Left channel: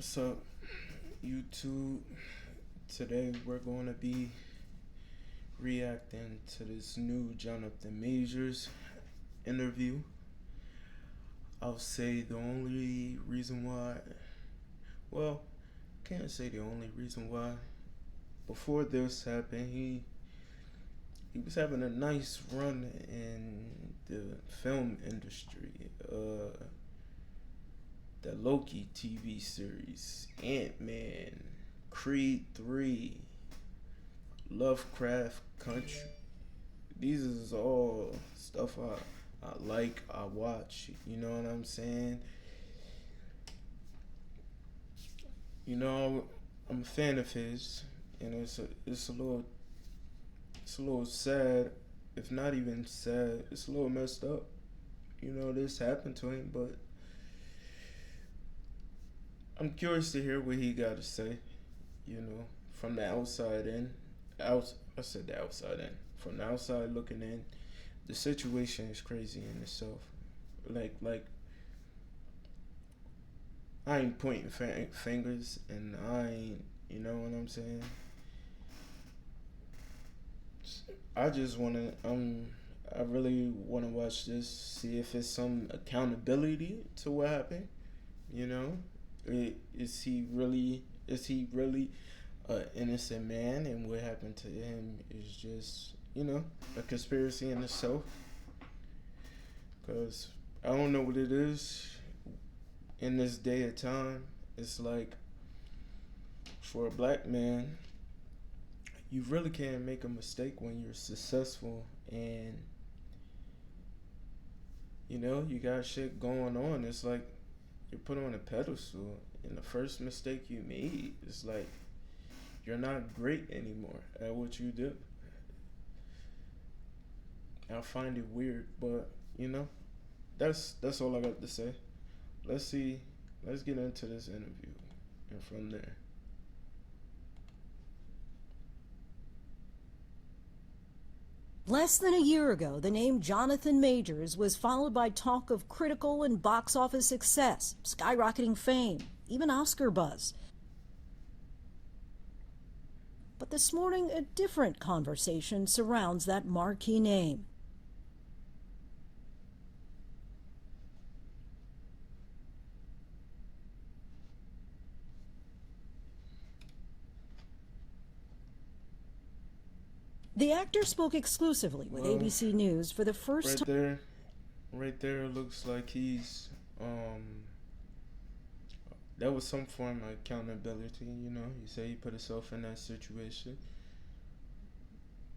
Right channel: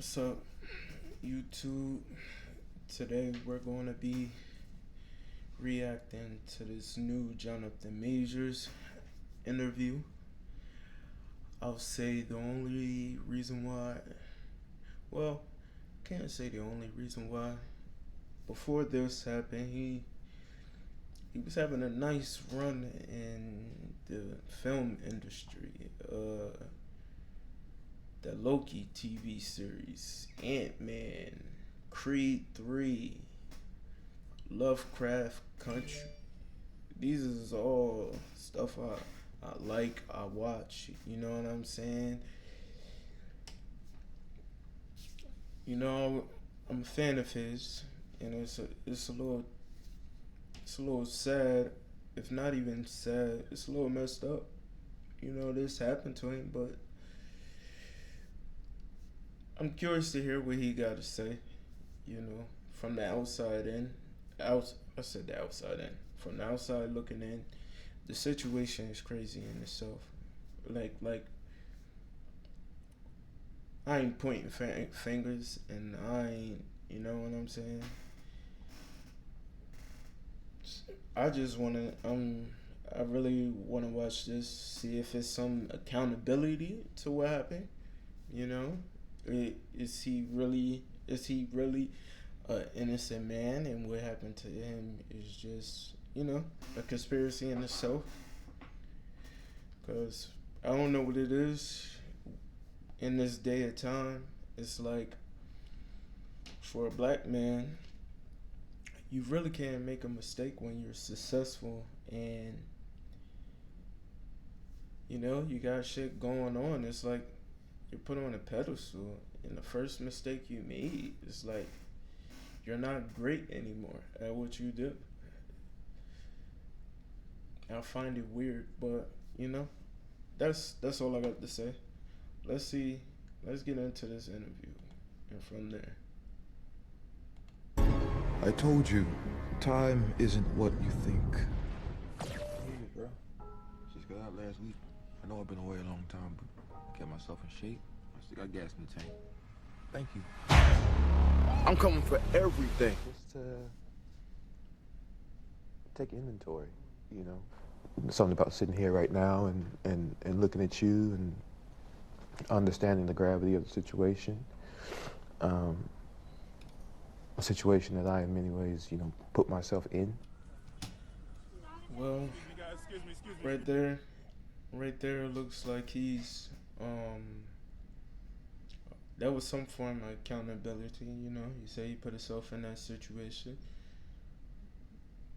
So, YouTube, today we're going to be reacting to this new Jonathan Majors interview. I'll say the only reason why, well, can't say the only reason why. Before this happened, he was having a nice run in the film industry. The Loki TV series, Ant-Man, Creed 3, Lovecraft Country. These is all stuff I like, I watch. You know what I'm saying? You know, I'm a fan of his, and it's a little sad, if not even sad. It's a little messed up. You know, this happened to him, but I'm curious to hear what he got to say. You know, from the outside in. I said the outside in. From the outside looking in, the situation is crazy in itself. Like I ain't pointing fingers, and I ain't. You know what I'm saying? I just wanna. I really wanna watch this. See if it's some accountability to what happened. You know, is he really? Is he really an innocent man, and what happened to him is just, a conspiracy in itself. Because I don't know what it is in this day of time. It's like, for a black man, you really can't make a mistake when you're successful, and you got shit going on. It's like you're put on a pedestal, and the first mistake you made is like you're not great anymore at what you do. I find it weird, but that's all I got to say. Let's see. Let's get into this interview, and from there. I told you, time isn't what you think. Less than a year ago, the name Jonathan Majors was followed by talk of critical and box office success, skyrocketing fame, even Oscar buzz. I'm coming for everything. But this morning, a different conversation surrounds that marquee name. Something about sitting here right now and looking at you and understanding the gravity of the situation. A situation that I, in many ways, put myself in. The actor spoke exclusively with ABC News for the first time. Right there looks like he's, that was some form of accountability, You say he put himself in that situation.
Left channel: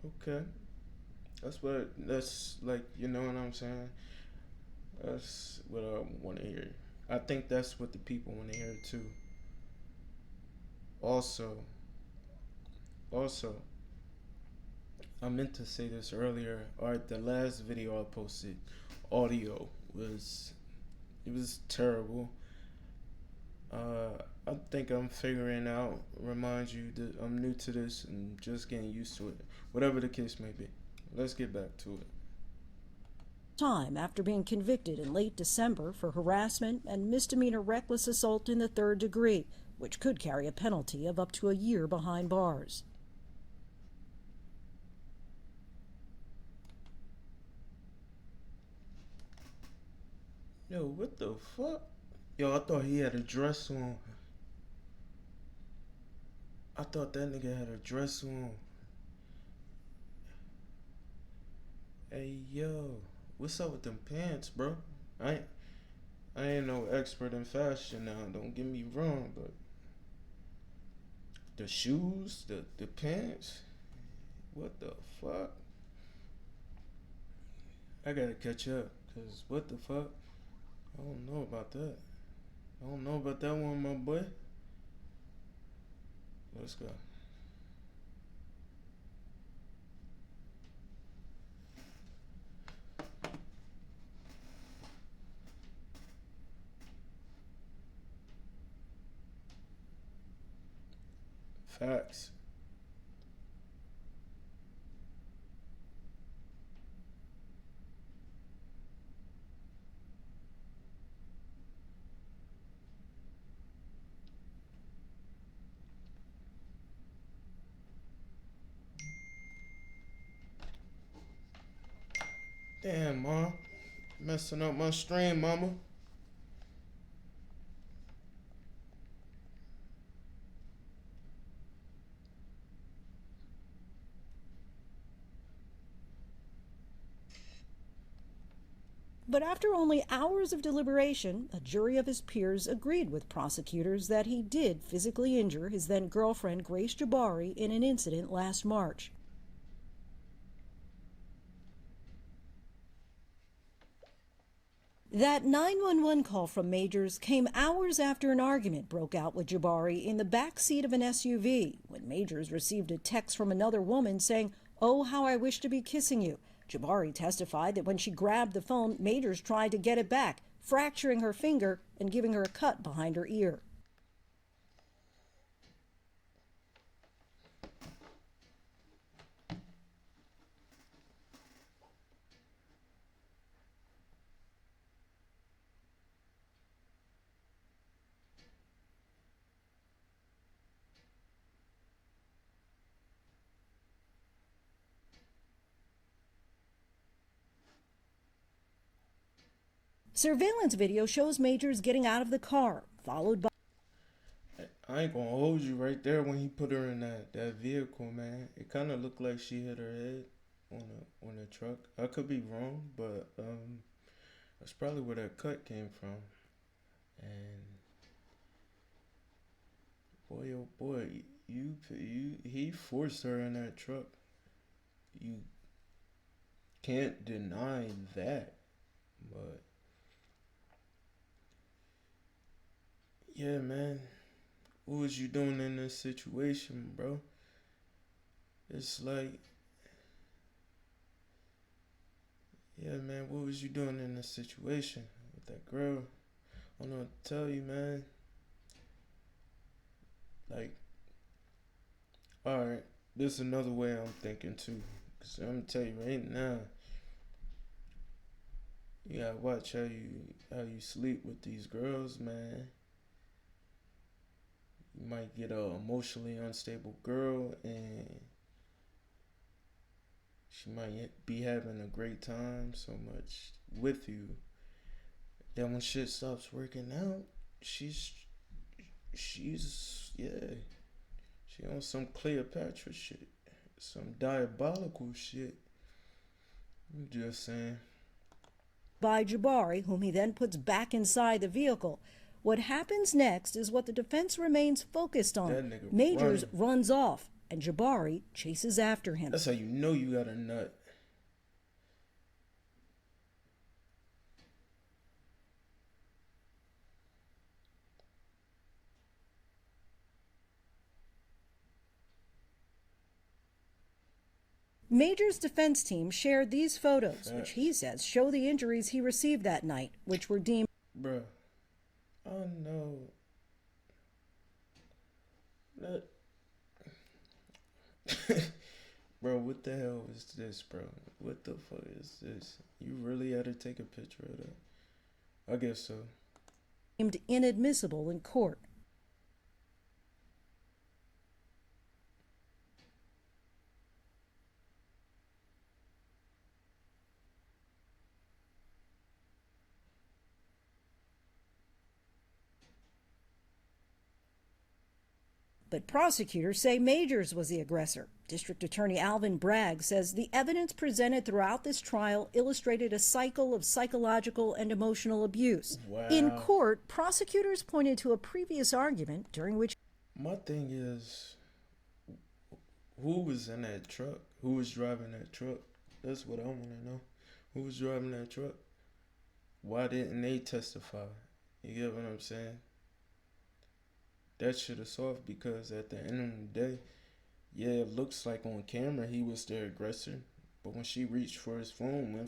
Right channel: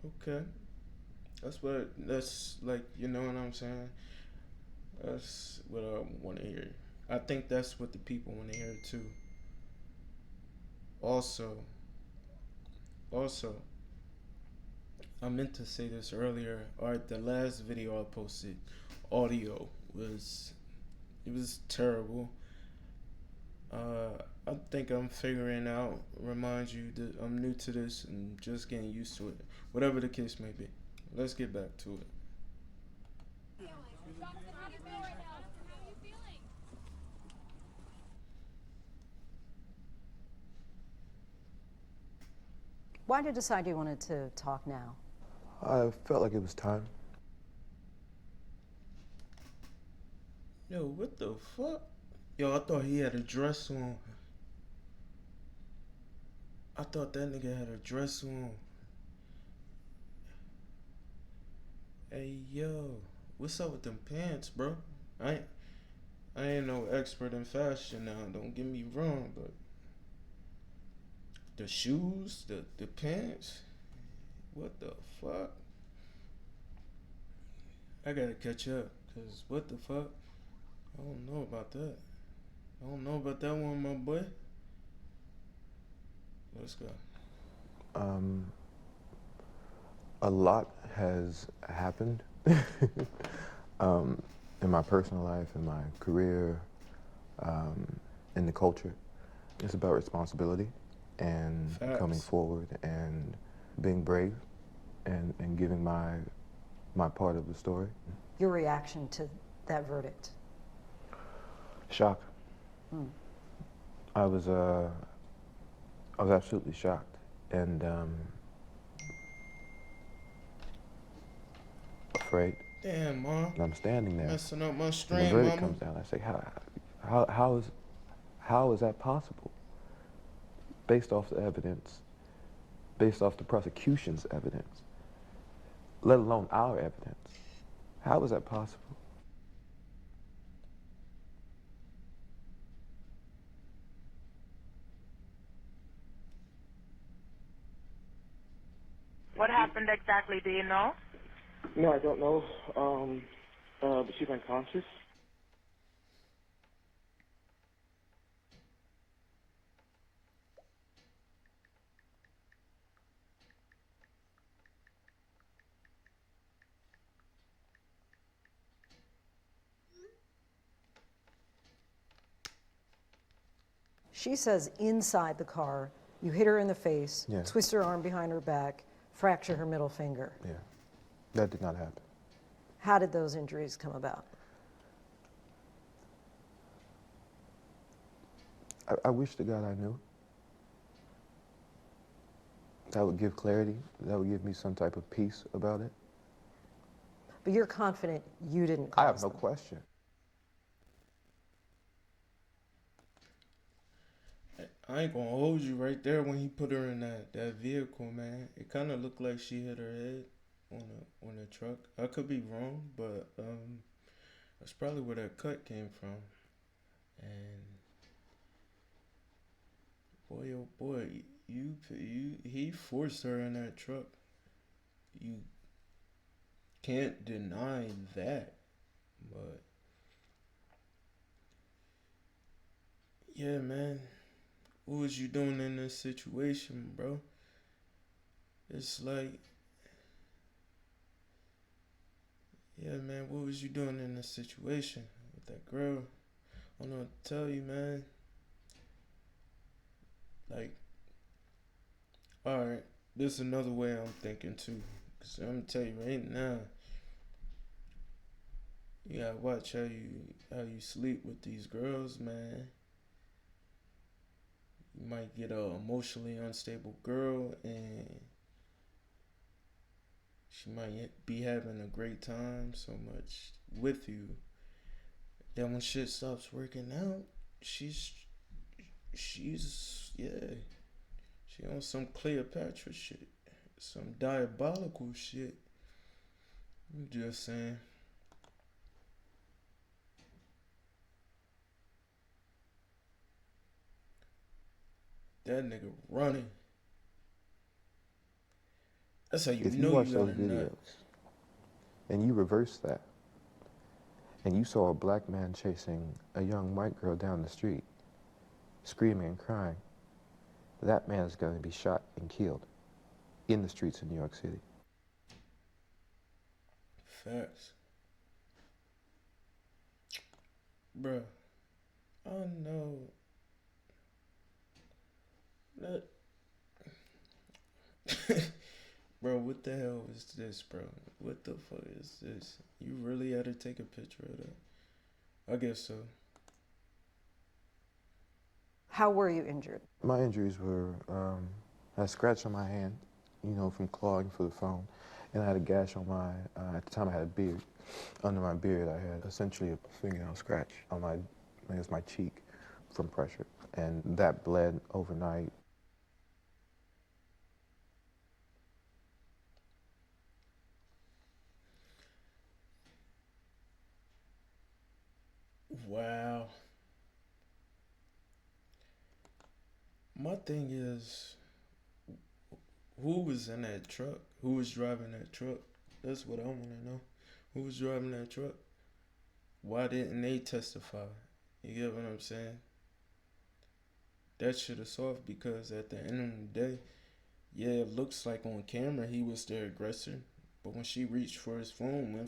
Okay. That's like, you know what I'm saying? That's what I want to hear. I think that's what the people want to hear too. Also, I meant to say this earlier. Alright, the last video I posted, audio was terrible. I think I'm figuring out, remind you that I'm new to this and just getting used to it. Whatever the case may be. Let's get back to it. Time after being convicted in late December for harassment and misdemeanor reckless assault in the third degree, which could carry a penalty of up to a year behind bars. Why did you decide you wanted to talk now? I felt like it was time. Yo, what the fuck? Yo, I thought he had a dress on. I thought that nigga had a dress on. Hey, yo, what's up with them pants, bro? I ain't no expert in fashion now, don't get me wrong, but the shoes, the pants, what the fuck? I gotta catch up, cause what the fuck? I don't know about that. I don't know about that one, my boy. Let's go. A lot has happened in my personal life, in my career, in the culture. It's about responsibility and coming forward and being brave and giving my part of the story. Your reaction to that verdict? Shock. I was absolutely shocked, and afraid. Damn, Mom. And I'm standing there. Messing up my And the stream, verdict Mama. comes down. I say, how is that possible? Based off the evidence, based off the prosecution's evidence, let alone our evidence. How is that possible? But after only hours of deliberation, a jury of his peers agreed with prosecutors that he did physically injure his then-girlfriend Grace Jabbari in an incident last March. What happened exactly, do you know? No, I don't know. But she's unconscious. That 911 call from Majors came hours after an argument broke out with Jabbari in the back seat of an SUV, when Majors received a text from another woman saying, "Oh, how I wish to be kissing you." Jabbari testified that when she grabbed the phone, Majors tried to get it back, fracturing her finger and giving her a cut behind her ear. She says inside the car, you hit her in the face, Yeah. twist her arm behind her back, fracture her middle finger. Yeah, that did not happen. How did those injuries come about? I wish to God I knew. That would give clarity. That would give me some type of peace about it. But you're confident you didn't I cause have no them. question. Surveillance video shows Majors getting out of the car, followed by I ain't gonna hold you right there when he put her in that vehicle, man. It kind of looked like she hit her head on a truck. I could be wrong, but that's probably where that cut came from. And boy, oh boy, he forced her in that truck. You can't deny that, but yeah, man. What was you doing in this situation, bro? It's like, yeah, man, what was you doing in this situation with that girl? I don't know what to tell you, man. Like, alright, this is another way I'm thinking too. Cause I'm gonna tell you right now, you gotta watch how you sleep with these girls, man. You might get a emotionally unstable girl and she might be having a great time so much with you. Then when shit stops working out, she's yeah. She on some Cleopatra shit. Some diabolical shit. I'm just saying. by Jabbari, whom he then puts back inside the vehicle. What happens next is what the defense remains focused on. That nigga Majors running. runs off, and Jabbari chases after him. That's how you If know watch you got those a nut. videos and you reverse that, and you saw a black man chasing a young white girl down the street, screaming and crying, that man is going to be shot and killed in the streets of New York City. Major's defense team shared these photos, Facts. which he says show the injuries he received that night, which were deemed Bruh. Oh no. That. Bro, what the hell is this, bro? What the fuck is this? You really had to take a picture of that? I guess so. inadmissible in court. How were you injured? My injuries were, I had a scratch on my hand, you know, from clawing for the phone, and I had a gash on my, at the time I had a beard. Under my beard, I had essentially a fingernail scratch on my, I guess my cheek from pressure, and that bled overnight. But prosecutors say Majors was the aggressor. District Attorney Alvin Bragg says the evidence presented throughout this trial illustrated a cycle of psychological and emotional abuse. Wow. In court, prosecutors pointed to a previous argument during which My thing is, who was in that truck? Who was driving that truck? That's what I want to know. Who was driving that truck? Why didn't they testify? You get what I'm saying? That shit is soft because at the end of the day, yeah, it looks like on camera he was the aggressor. But when she reached for his phone,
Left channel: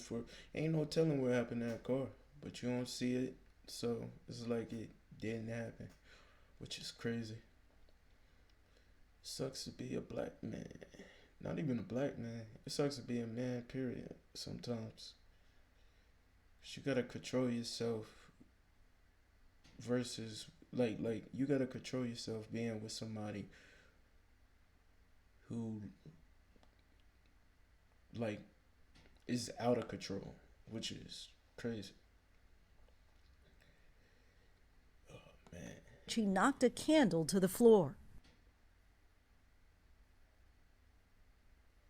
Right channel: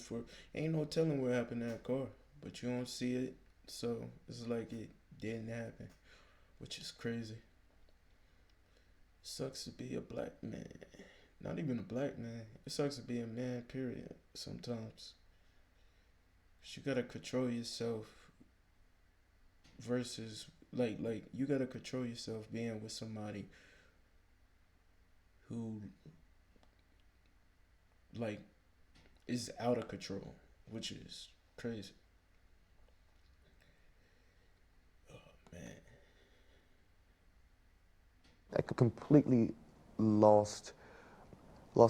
ain't no telling what happened in that car. But you don't see it, so it's like it didn't happen, which is crazy. Sucks to be a black man. Not even a black man. It sucks to be a man, period, sometimes. You gotta control yourself versus Like you gotta control yourself being with somebody who like is out of control, which is crazy. Oh man. She knocked a candle to the floor. I completely lost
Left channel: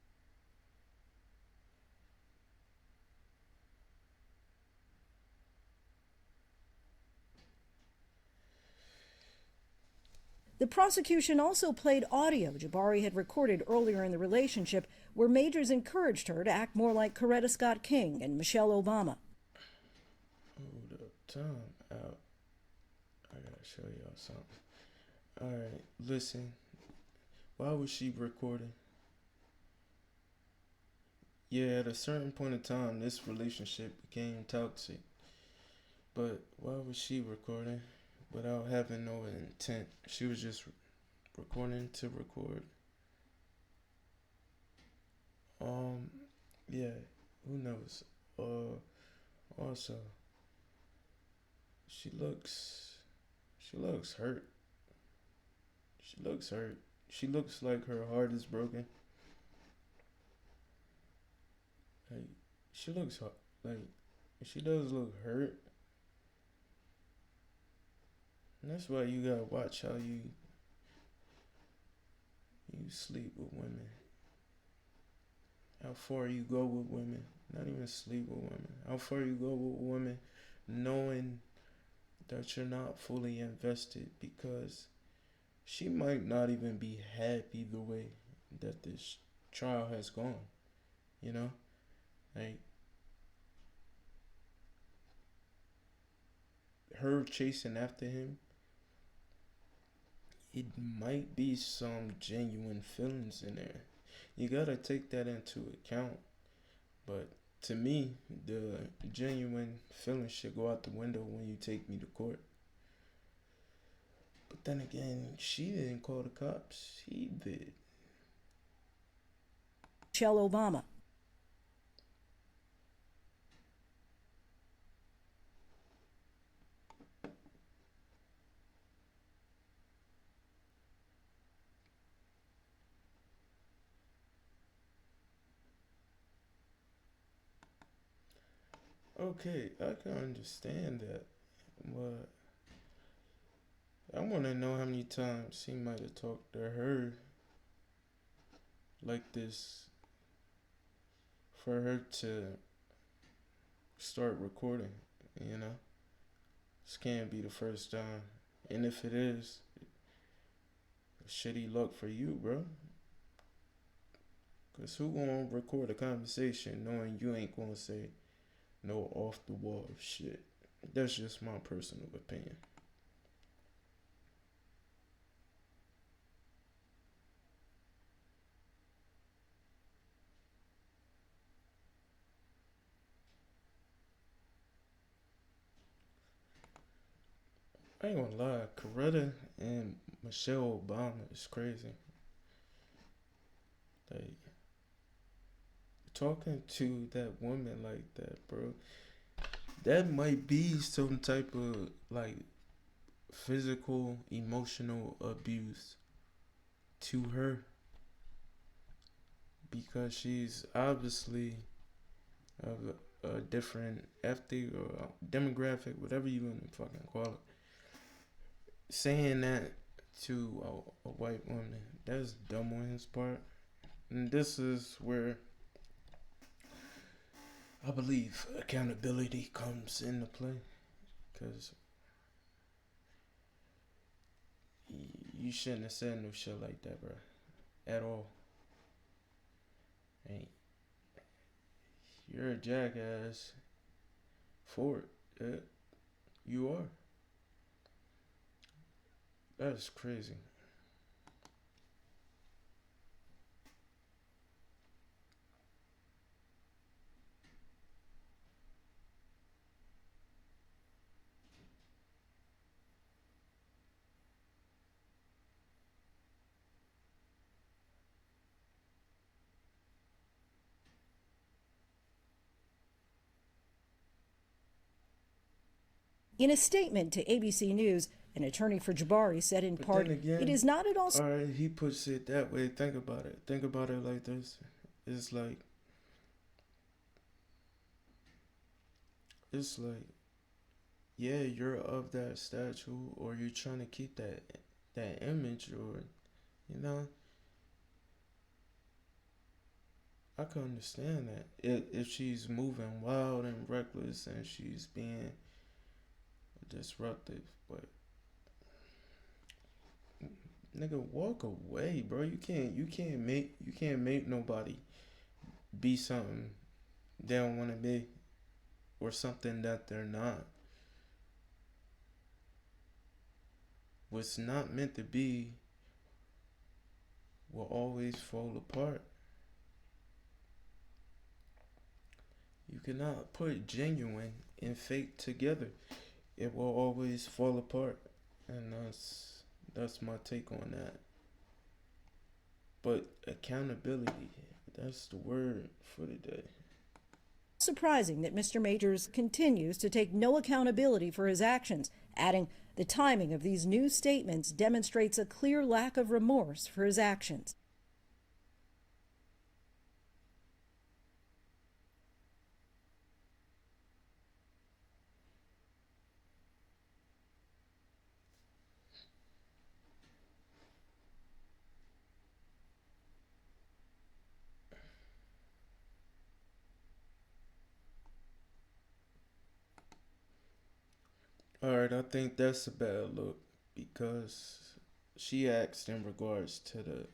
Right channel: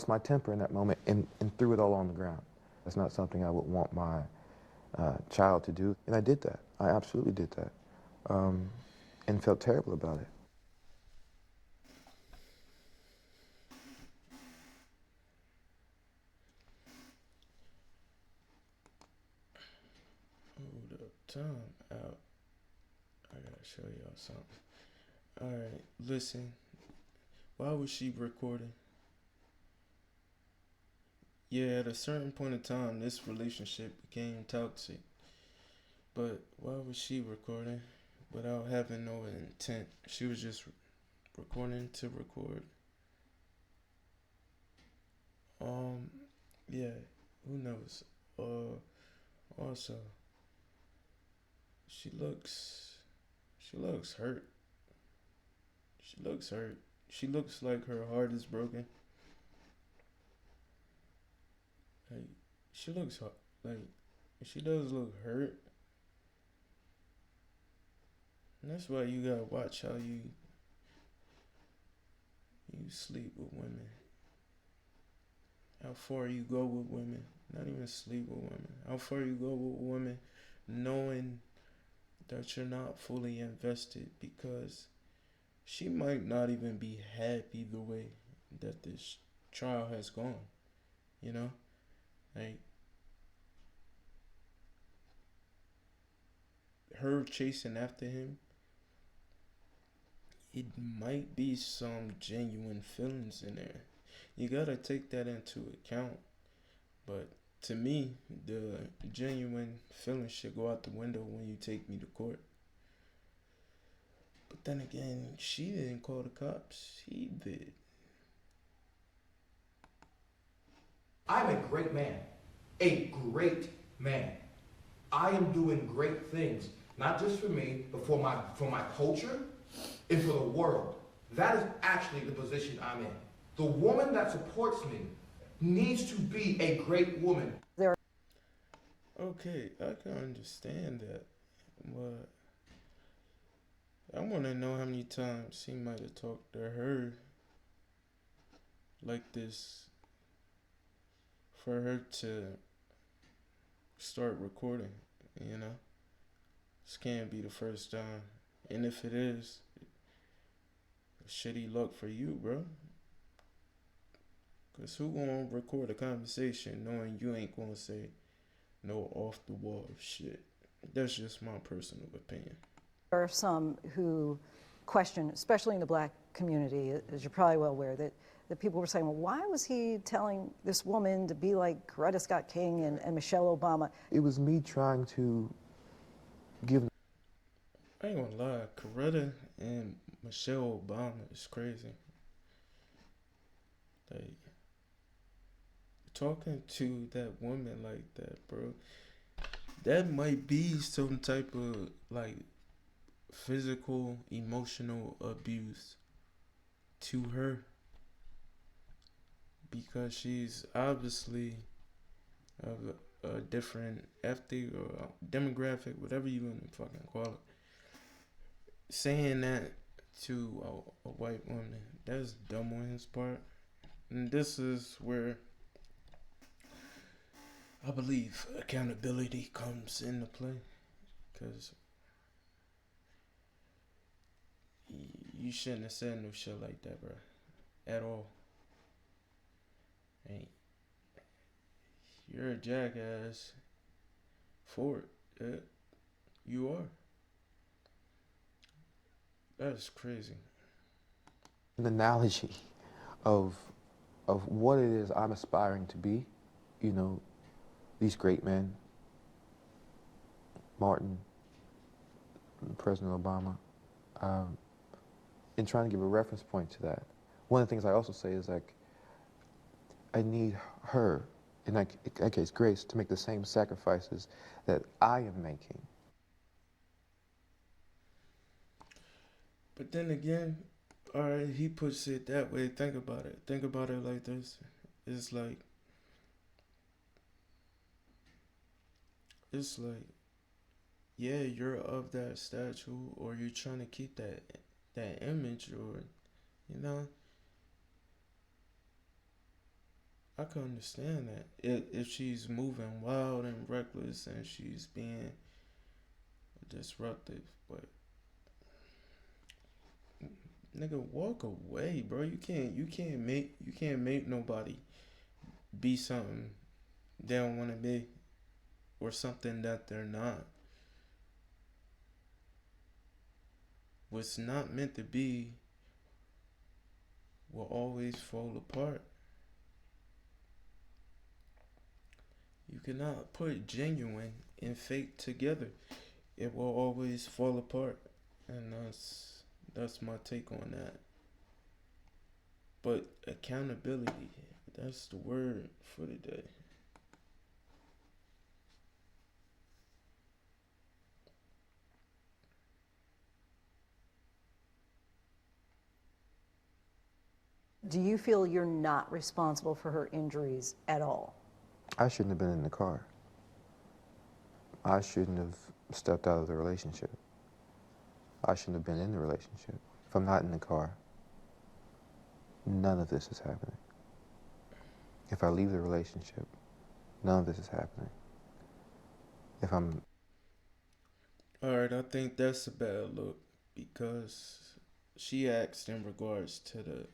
my temper in that moment and threw it all on the ground. That's not something I would want my child to do, and I did that. I absolutely did that, and felt terrible about it. The prosecution also played audio Jabari had recorded earlier in the relationship where Majors encouraged her to act more like Coretta Scott King and Michelle Obama. Hold up, time out. I gotta show y'all something. Alright, listen. Why was she recording? Yeah, at a certain point in time, this relationship became toxic. But why was she recording without having no intent? She was just recording to record. Yeah, who knows? Also, she looks hurt. She looks hurt. She looks like her heart is broken. Like, she looks like she does look hurt. And that's why you gotta watch how you sleep with women. How far you go with women. Not even sleep with women. How far you go with women knowing that you're not fully invested, because she might not even be happy the way that this trial has gone. You know? Like, her chasing after him, it might be some genuine feelings in there. You gotta take that into account. But to me, the genuine feelings should go out the window when you take me to court. But then again, she didn't call the cops. He did. Michelle Obama. I'm a great man. A great man. I am doing great things, not just for me, but for my culture and for the world. That is actually the position I'm in. The woman that supports me needs to be a great woman. Okay, I can understand that, but I want to know how many times he might have talked to her like this for her to start recording, you know? This can't be the first time. And if it is, shitty luck for you, bro. Because who gonna record a conversation knowing you ain't gonna say no off the wall shit? That's just my personal opinion. There are some who question, especially in the black community, as you're probably well aware, that people were saying, well, why was he telling this woman to be like Coretta Scott King and Michelle Obama? It was me trying to give... I ain't gonna lie, Coretta and Michelle Obama is crazy. Like, talking to that woman like that, bro, that might be some type of, like, physical, emotional abuse to her. Because she's obviously of a different ethnic or demographic, whatever you want to fucking call it. Saying that to a white woman, that's dumb on his part. And this is where I believe accountability comes into play. Because you shouldn't have said no shit like that, bro. At all. Hey, you're a jackass for it. You are. That's crazy. An analogy of what it is I'm aspiring to be, you know, these great men, Martin, President Obama, and trying to give a reference point to that. One of the things I also say is, like, I need her, in that case, Grace, to make the same sacrifices that I am making. In a statement to ABC News, an attorney for Jabari said in But part, then again, it is not at all. All right, he puts it that way. Think about it. Think about it like this. It's like, yeah, you're of that statue, or you're trying to keep that image, or you know, I can understand that if she's moving wild and reckless and she's being disruptive, but nigga, walk away, bro. You can't make nobody be something they don't want to be, or something that they're not. What's not meant to be will always fall apart. You cannot put genuine and fake together. It will always fall apart. And that's my take on that. But accountability, that's the word for the day. Surprising that Mr. Majors continues to take no accountability for his actions, adding, the timing of these new statements demonstrates a clear lack of remorse for his actions. Do you feel you're not responsible for her injuries at all? I shouldn't have been in the car. I shouldn't have stepped out of the relationship. I shouldn't have been in the relationship. If I'm not in the car, none of this is happening. If I leave the relationship, none of this is happening. If I'm... Alright, I think that's a bad look, because she asked in regards to the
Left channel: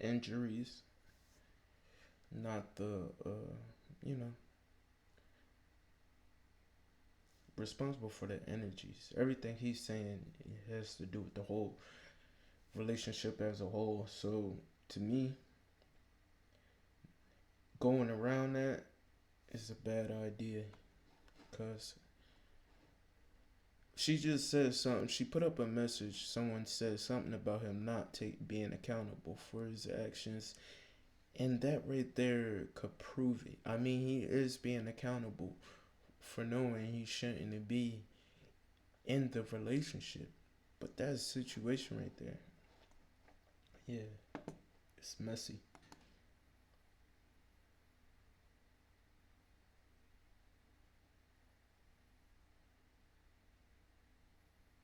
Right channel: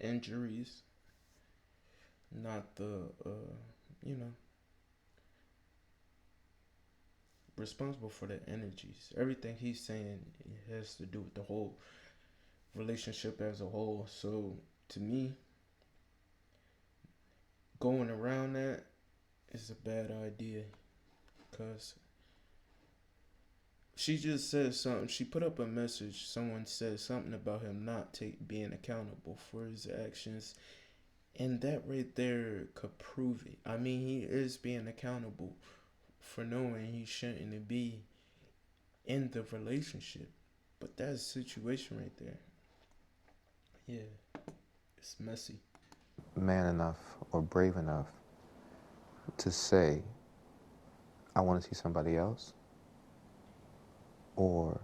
injuries, not the, responsible for the energies. Everything he's saying has to do with the whole relationship as a whole. So, to me, going around that is a bad idea, because she just said something. She put up a message. Someone said something about him not being accountable for his actions. And that right there could prove it. I mean, he is being accountable for knowing he shouldn't be in the relationship. But that's a situation right there. Yeah, it's messy. Man enough or brave enough to say, I want to see somebody else, or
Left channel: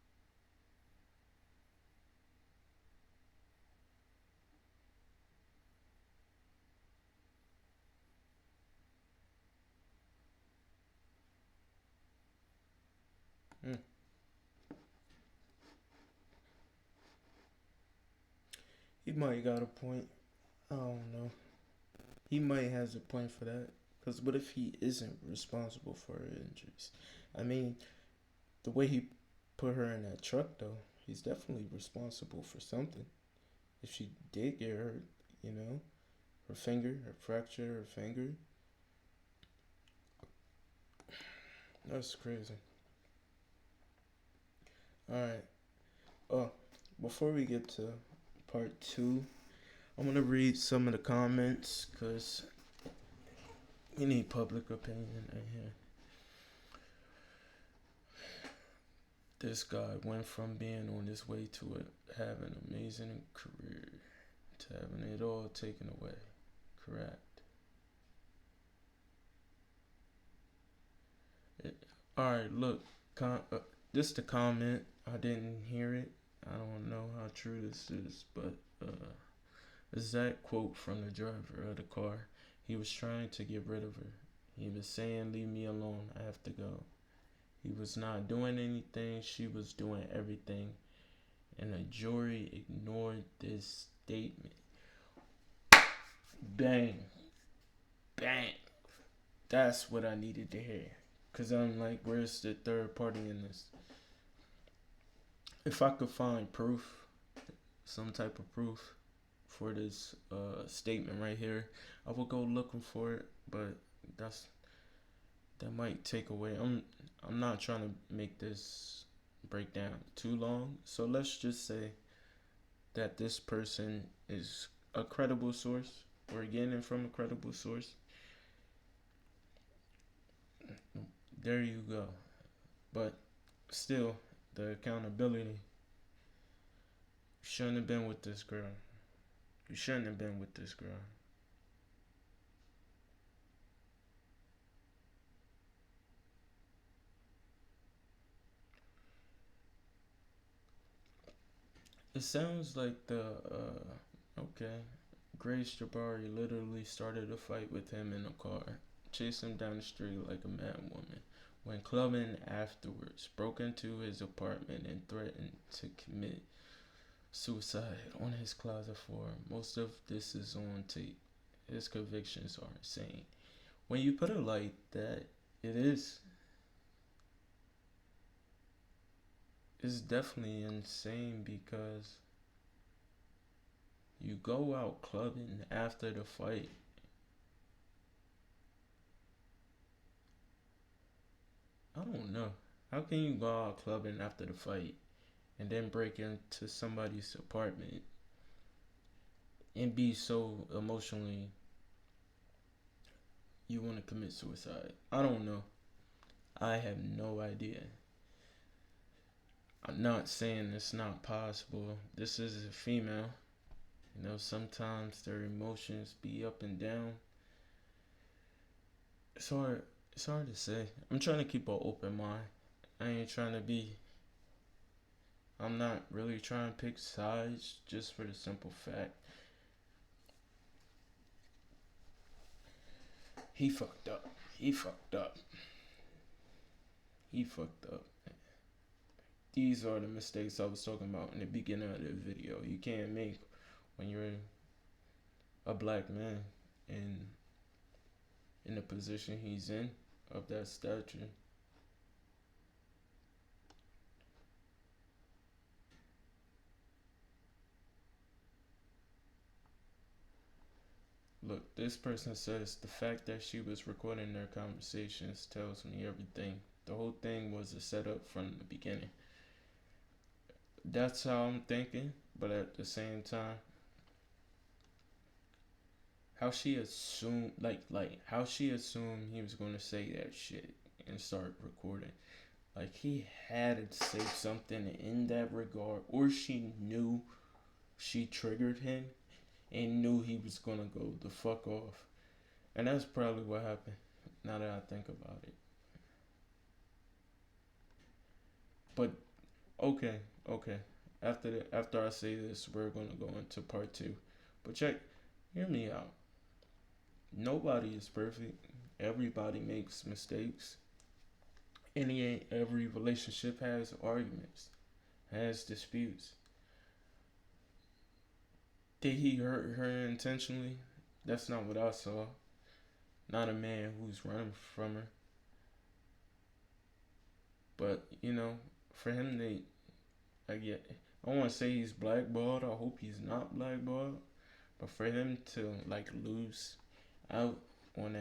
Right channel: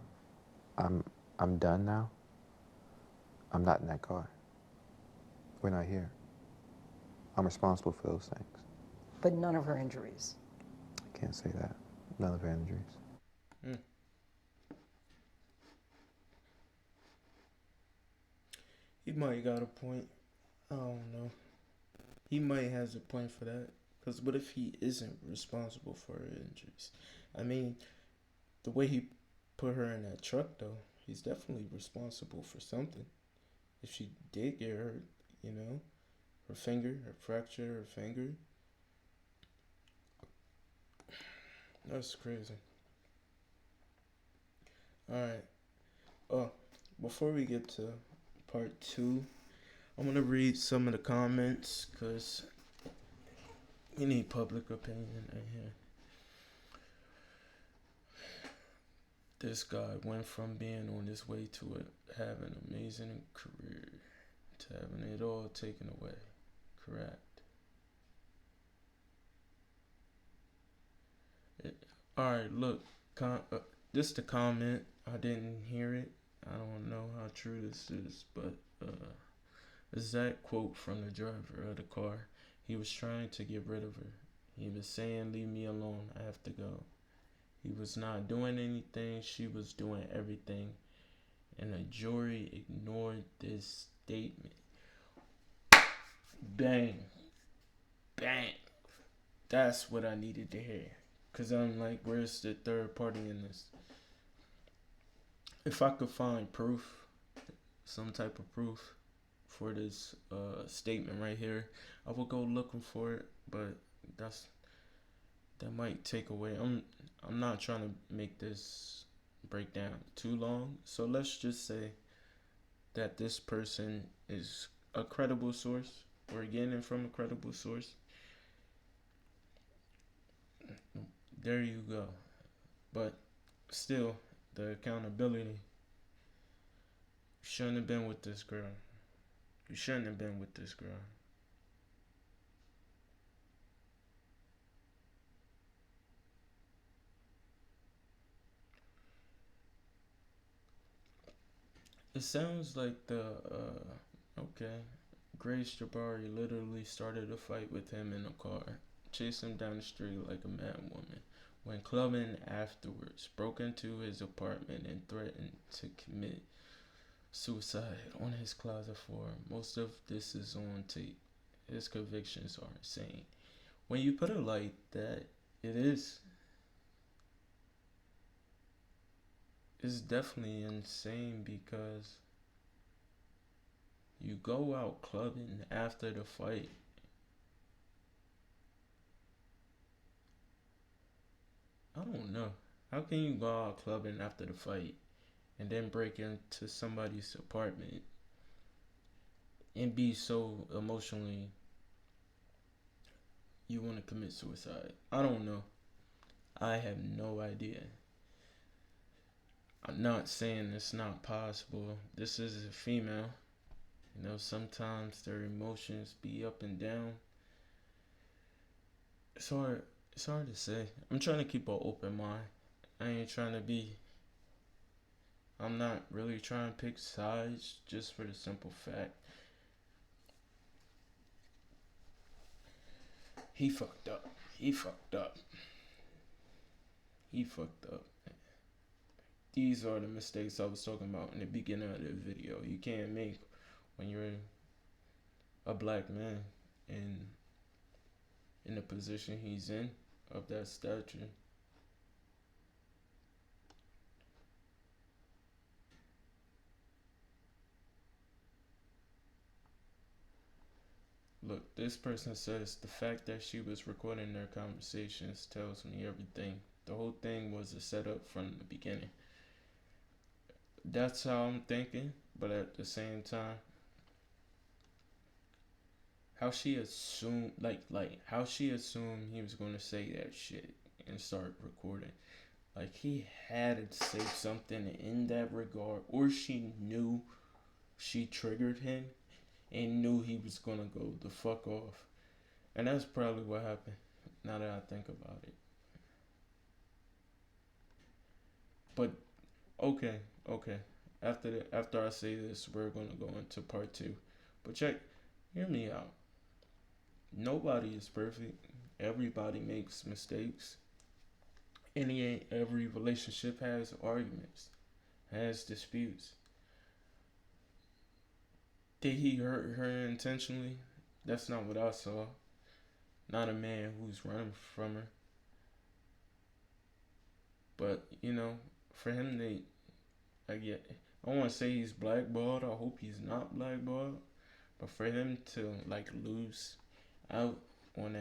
I'm done now. I'm not in that car. We're not here. I'm responsible for those things. But none of her injuries. I can't say that. None of her injuries. He might got a point. I don't know. He might has a point for that. Because what if he isn't responsible for her injuries? I mean, the way he put her in that truck, though, he's definitely responsible for something. If she did get hurt, her finger, her fracture, her finger. That's crazy. Alright. Oh, before we get to part 2, I'm going to read some of the comments, because we need public opinion right here. This guy went from being on his way to having an amazing career to having it all taken away. Correct. Alright, look. This is the comment. I didn't hear it. I don't know how true this is, but exact quote from the driver of the car. He was trying to get rid of her. He was saying, leave me alone, I have to go. He was not doing anything, she was doing everything. And the jury ignored this statement. Bang. Bang. That's what I needed to hear. Because I'm like, where's the third party in this? If I could find proof, some type of proof for this statement right here, I will go looking for it, but that might take away. I'm not trying to make this breakdown too long, so let's just say that this person is a credible source, or getting it from a credible source. There you go. But still, the accountability. You shouldn't have been with this girl. You shouldn't have been with this girl. It sounds like okay, Grace Jabari literally started a fight with him in a car, chased him down the street like a mad woman, went clubbing afterwards, broke into his apartment and threatened to commit suicide on his closet floor. Most of this is on tape. His convictions are insane. When you put it like that, it is. It's definitely insane because you go out clubbing after the fight. I don't know. How can you go out clubbing after the fight and then break into somebody's apartment and be so emotionally you want to commit suicide? I don't know. I have no idea. I'm not saying it's not possible. This is a female. You know, sometimes their emotions be up and down. It's hard to say. I'm trying to keep an open mind. I'm not really trying to pick sides just for the simple fact he fucked up. These are the mistakes I was talking about in the beginning of the video. You can't make when you're a black man and in the position he's in of that stature. Look, this person says the fact that she was recording their conversations tells me everything. The whole thing was a setup from the beginning. That's how I'm thinking, but at the same time, how she assumed he was gonna say that shit and start recording. Like he had to say something in that regard, or she knew she triggered him and knew he was gonna go the fuck off. And that's probably what happened, now that I think about it. But okay. After I say this, we're gonna go into part 2. But hear me out. Nobody is perfect. Everybody makes mistakes. Every relationship has arguments, has disputes. Did he hurt her intentionally? That's not what I saw. Not a man who's running from her. But, for him, I want to say he's blackballed. I hope he's not blackballed. But for him to, lose out on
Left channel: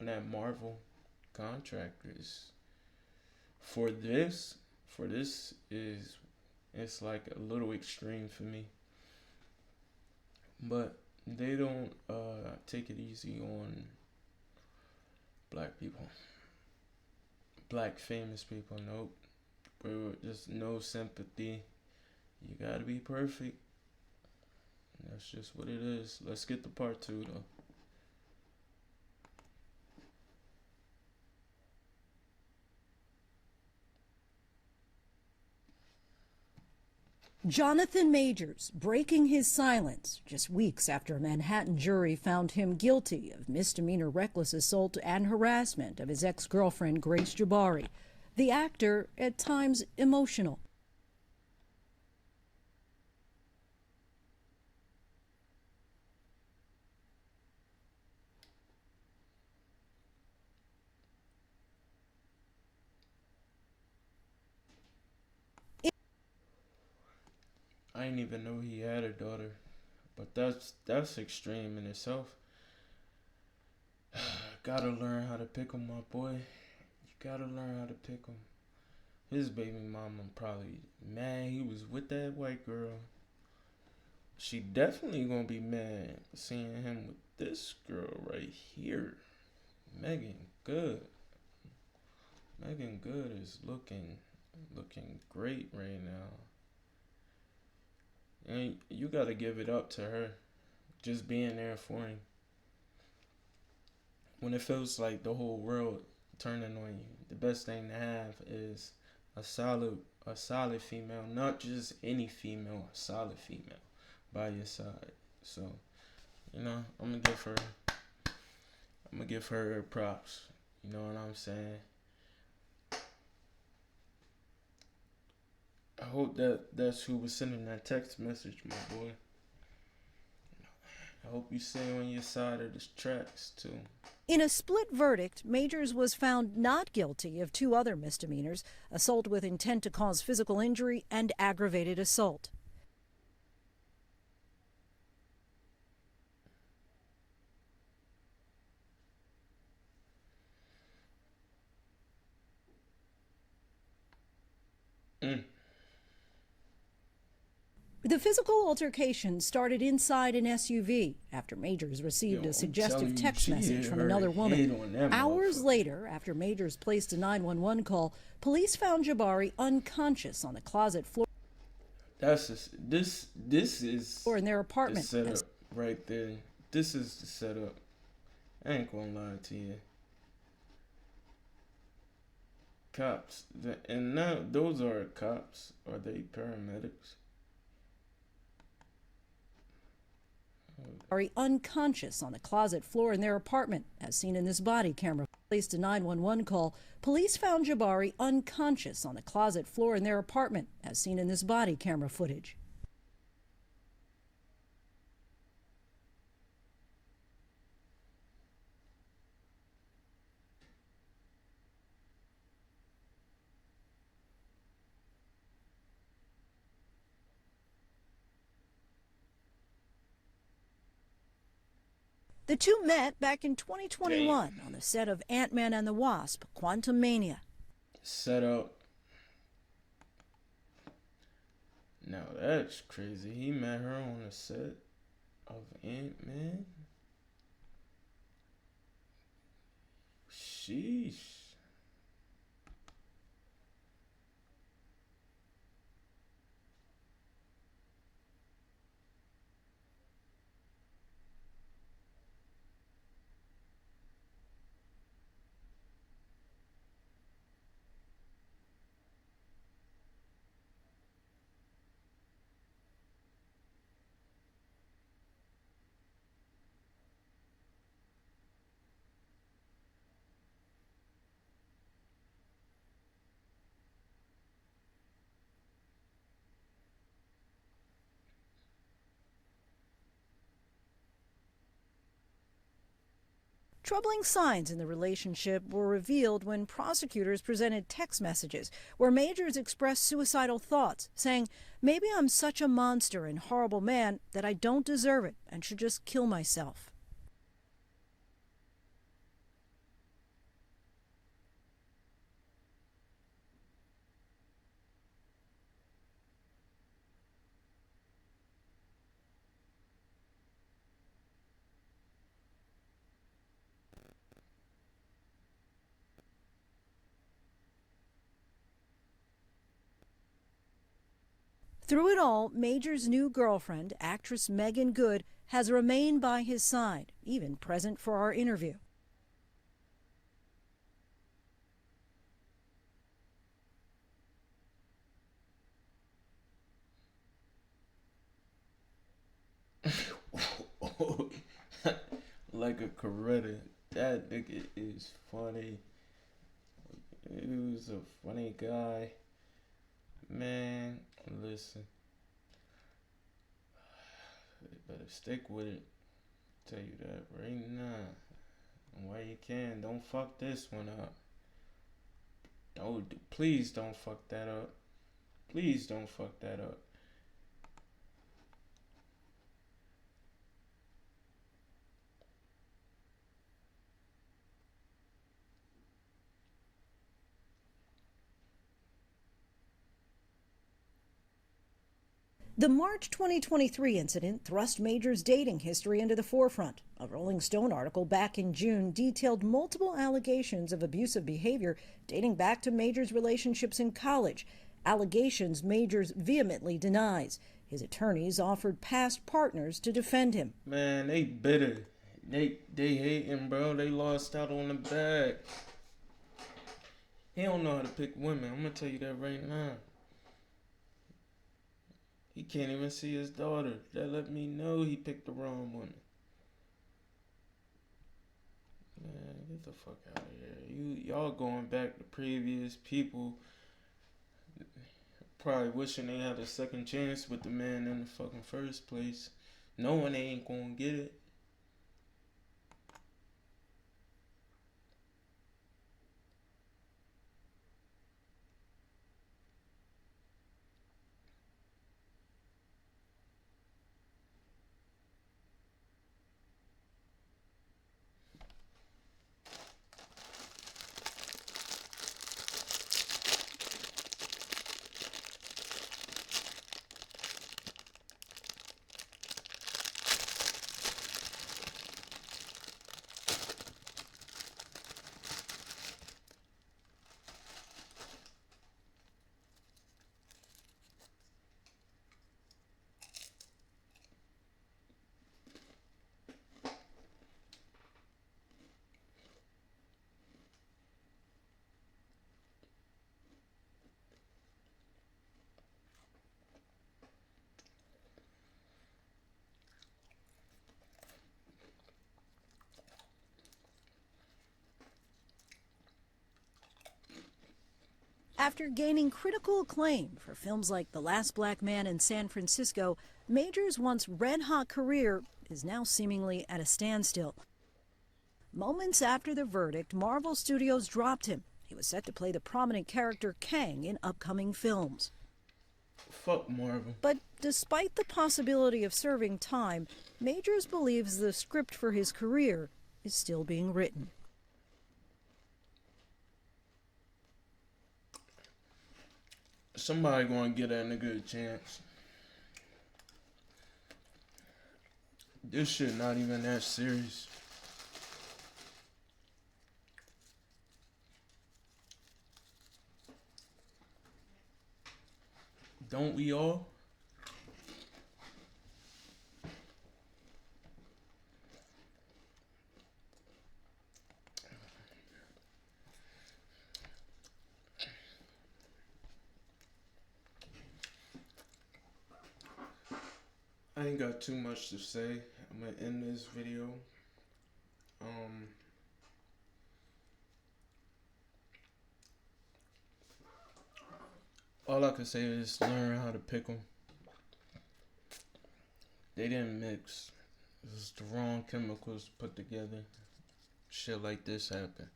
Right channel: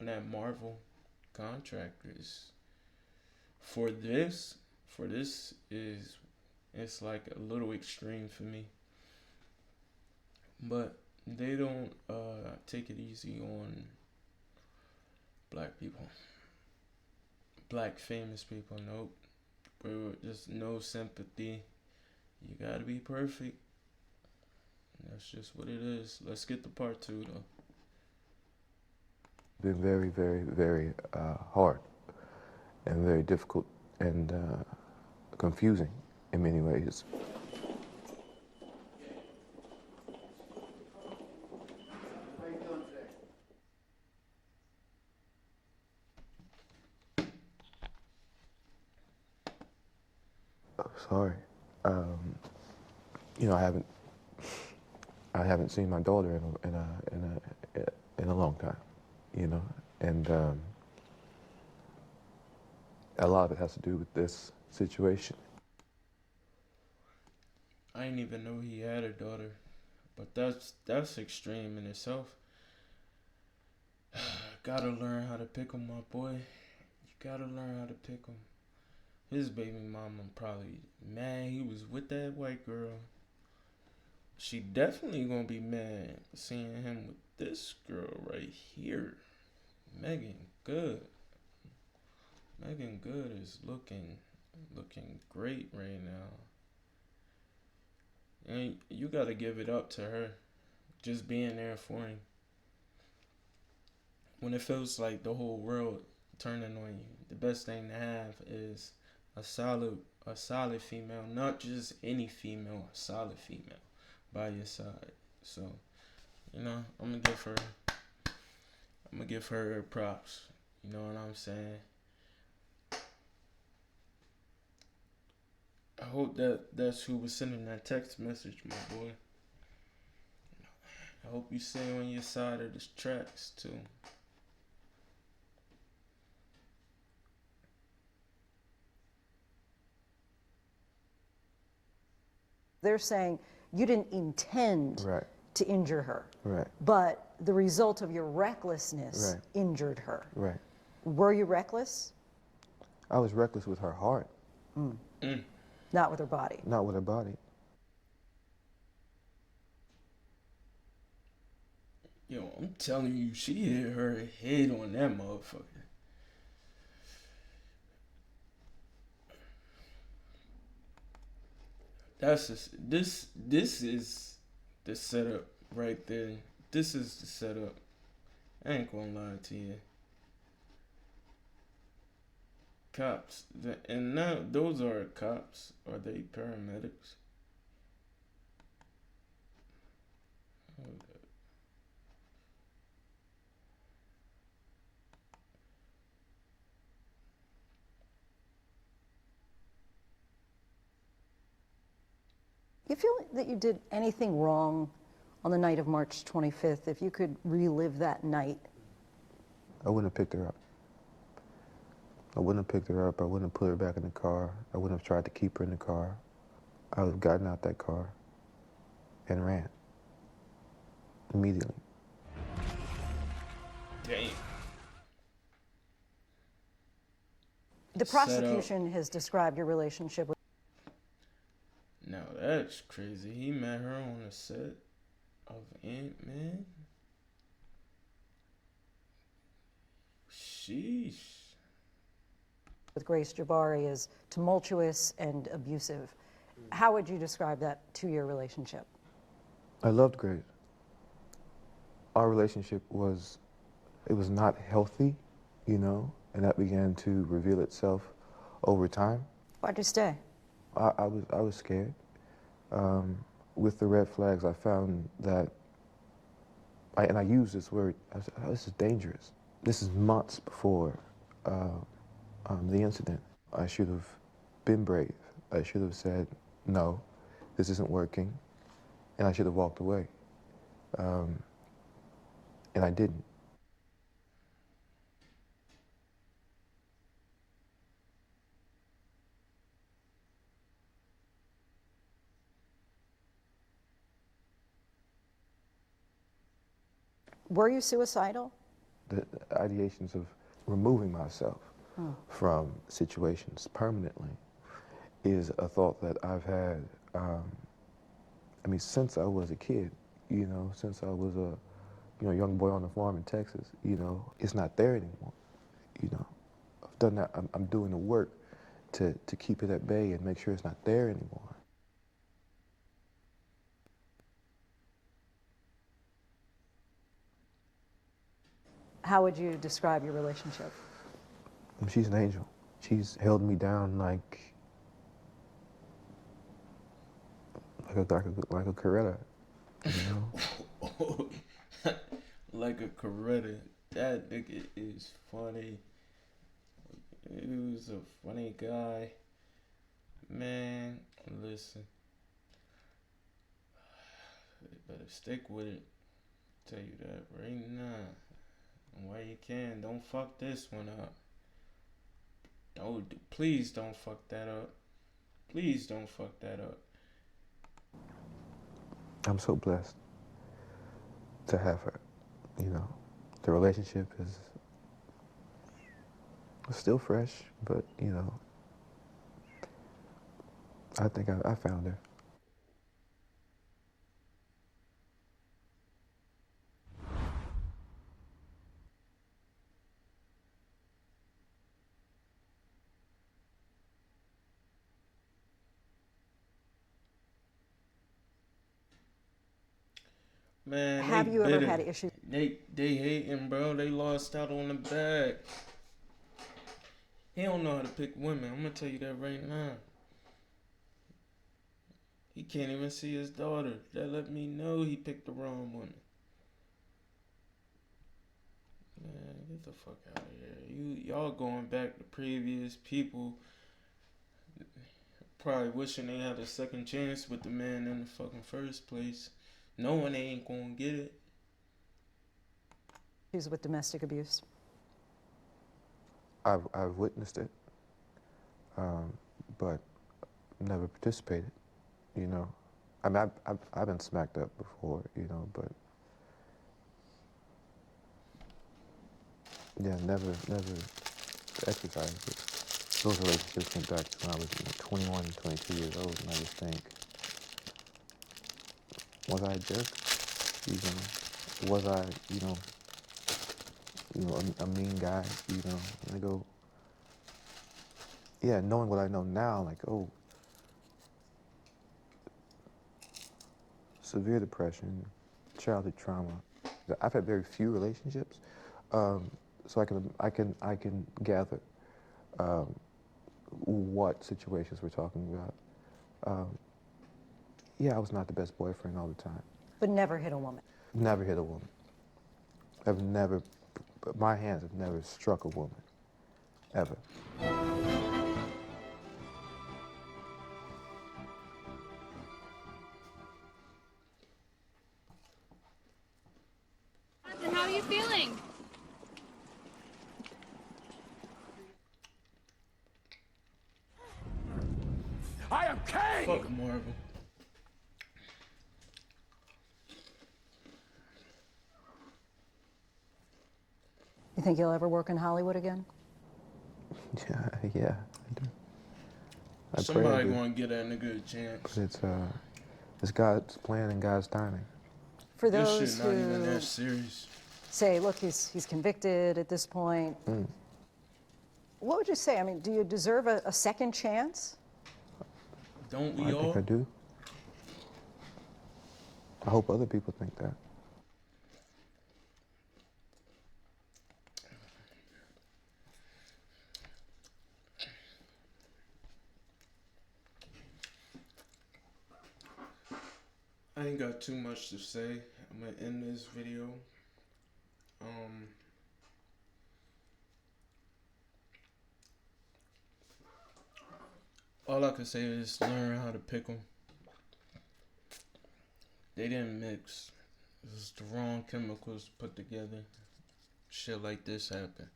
that Marvel contract it's like a little extreme for me. But they don't take it easy on black people. Black famous people, nope. Just no sympathy. You gotta be perfect. That's just what it is. Let's get to part 2 though. Been very, very, very hard and very difficult and confusing in many ways. Jonathan Majors breaking his silence just weeks after a Manhattan jury found him guilty of misdemeanor reckless assault and harassment of his ex-girlfriend Grace Jabari. The actor, at times, emotional. Sorry. I haven't seen my daughter in a long time, and a lot of it has to do with this situation. I didn't even know he had a daughter, but that's extreme in itself. Gotta learn how to pick 'em, my boy. You gotta learn how to pick 'em. His baby mama probably mad he was with that white girl. She definitely gonna be mad seeing him with this girl right here. Megan Good. Megan Good is looking great right now. And you gotta give it up to her. Just being there for him. When it feels like the whole world turning on you, the best thing to have is a solid female, not just any female, a solid female by your side. So, you know, I'm gonna give her her props. You know what I'm saying? I hope that's who was sending that text message, my boy. I hope you stay on your side of the tracks too. In a split verdict, Majors was found not guilty of 2 other misdemeanors, assault with intent to cause physical injury and aggravated assault. They're saying you didn't intend Right. to injure her, Right. but the result of your recklessness Right. injured her. Right. Were you reckless? I was reckless with her heart, Not with her body. not with her body. The physical altercation started inside an SUV after Majors received Yo, a I'm suggestive telling you, text she message hit from her another head woman. on that Hours motherfucker. later, after Majors placed a 911 call, police found Jabari unconscious on the closet floor That's just, this is in their the apartment. setup right there. This is the setup. I ain't gonna lie to you. Cops, and now those are cops. Are they paramedics? Jabari unconscious on the closet floor in their apartment, as seen in this body camera. Placed a 911 call. Police found Jabari unconscious on the closet floor in their apartment, as seen in this body camera footage. You feel that you did anything wrong on the night of March 25th? If you could relive that night? I wouldn't have picked her up. I wouldn't have picked her up. I wouldn't have put her back in the car. I wouldn't have tried to keep her in the car. I would have gotten out that car and ran immediately. The two met back in 2021 on the set of Ant-Man and the Wasp: Quantumania. The prosecution has described your relationship with. Now that's crazy. He met her on the set of Ant-Man. Sheesh. With Grace Jabari as tumultuous and abusive. How would you describe that 2-year relationship? I loved Grace. Our relationship was not healthy, you know, and that began to reveal itself over time. Why'd you stay? I was scared. With the red flags, I found that, and I used this word, I said, oh, this is dangerous. This is months before the incident. I should have been brave. I should have said, no, this isn't working, and I should have walked away. And I didn't. Troubling signs in the relationship were revealed when prosecutors presented text messages where Majors expressed suicidal thoughts, saying, "Maybe I'm such a monster and horrible man that I don't deserve it and should just kill myself." Were you suicidal? The ideations of removing myself from situations permanently is a thought that I've had, since I was a kid, you know, since I was a young boy on the farm in Texas. You know, it's not there anymore. You know, I've done that. I'm doing the work to keep it at bay and make sure it's not there anymore. Through it all, Major's new girlfriend, actress Megan Good, has remained by his side, even present for our interview. How would you describe your relationship? She's an angel. She's held me down like a Coretta. You know? Like a Coretta. That nigga is funny. He was a funny guy. Man, listen. You better stick with it. Tell you that right now. And while you can, don't fuck this one up. Please don't fuck that up. Please don't fuck that up. I'm so blessed to have her. You know, the relationship is still fresh, but you know, I think I found her. The March 2023 incident thrust Major's dating history into the forefront. A Rolling Stone article back in June detailed multiple allegations of abusive behavior dating back to Major's relationships in college, allegations Majors vehemently denies. His attorneys offered past partners to defend him. Man, they Have you bitter. ever had issues? They hating, bro. They lost out on the bag. He don't know how to pick women. I'm gonna tell you that right now. He can't even see his daughter. That let me know he picked the wrong woman. Man, get the fuck out of here. Y'all going back to previous people. Probably wishing they had a second chance with the man in the fucking first place. Knowing they ain't gonna get it. Issues with domestic abuse? I've witnessed it, but never participated. You know, I mean, I've been smacked up before. You know, but yeah, never exercised it. Those relationships went back to when I was 21, 22 years old, and I just think, was I just, was I, a mean guy, and I go, yeah, knowing what I know now, like, oh, severe depression, childhood trauma. I've had very few relationships, so I can gather what situations we're talking about. Yeah, I was not the best boyfriend all the time. But never hit a woman? Never hit a woman. My hands have never struck a woman, ever. After gaining critical acclaim for films like The Last Black Man in San Francisco, Major's once red-hot career is now seemingly at a standstill. And how are you feeling? Moments after the verdict, Marvel Studios dropped him. He was set to play the prominent character Kang in upcoming films. I am Kang! Fuck Marvel. But despite the possibility of serving time, Majors believes the script for his career is still being written. You think he'll ever work in Hollywood again? Yeah. Somebody gonna get that nigga a chance. It's God's plan and God's timing. For those This shit not who even that serious. say, look, he's convicted at this point. What would you say? I mean, do you deserve a second chance? Don't we all? I do. I hope other people think that. I ain't got too much to say. I'm gonna end this video. All I can say is learn how to pick them. They didn't mix. It was the wrong chemicals put together. Shit like this happened.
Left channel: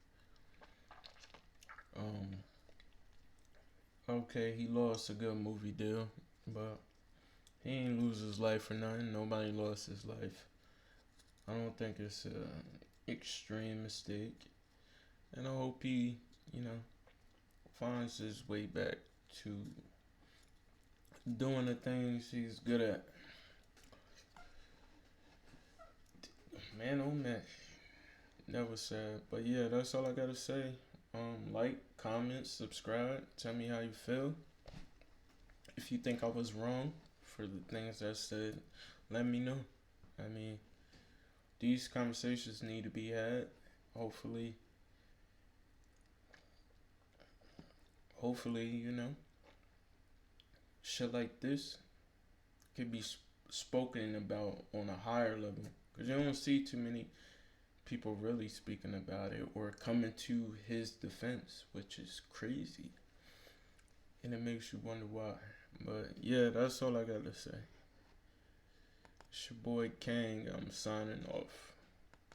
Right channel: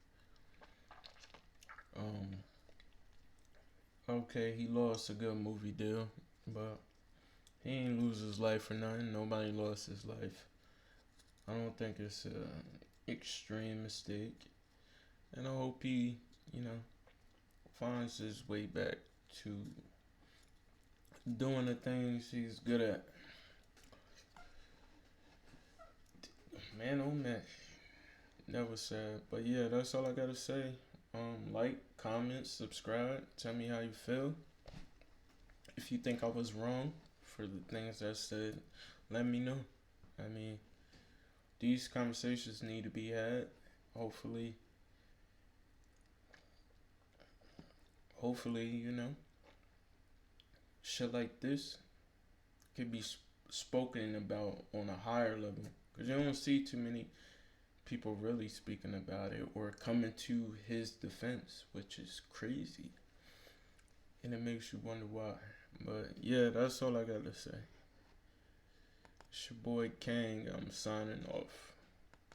Okay, he lost a good movie deal, but he ain't lose his life for nothing. Nobody lost his life. I don't think it's an extreme mistake. And I hope he, finds his way back to doing the things he's good at. Man, oh man. Never sad. But yeah, that's all I gotta say. Like, comment, subscribe. Tell me how you feel. If you think I was wrong for the things I said, let me know. I mean, these conversations need to be had. Hopefully, shit like this could be spoken about on a higher level. Because you don't see too many people really speaking about it or coming to his defense, which is crazy. And it makes you wonder why. But yeah, that's all I got to say. It's your boy Kang. I'm signing off.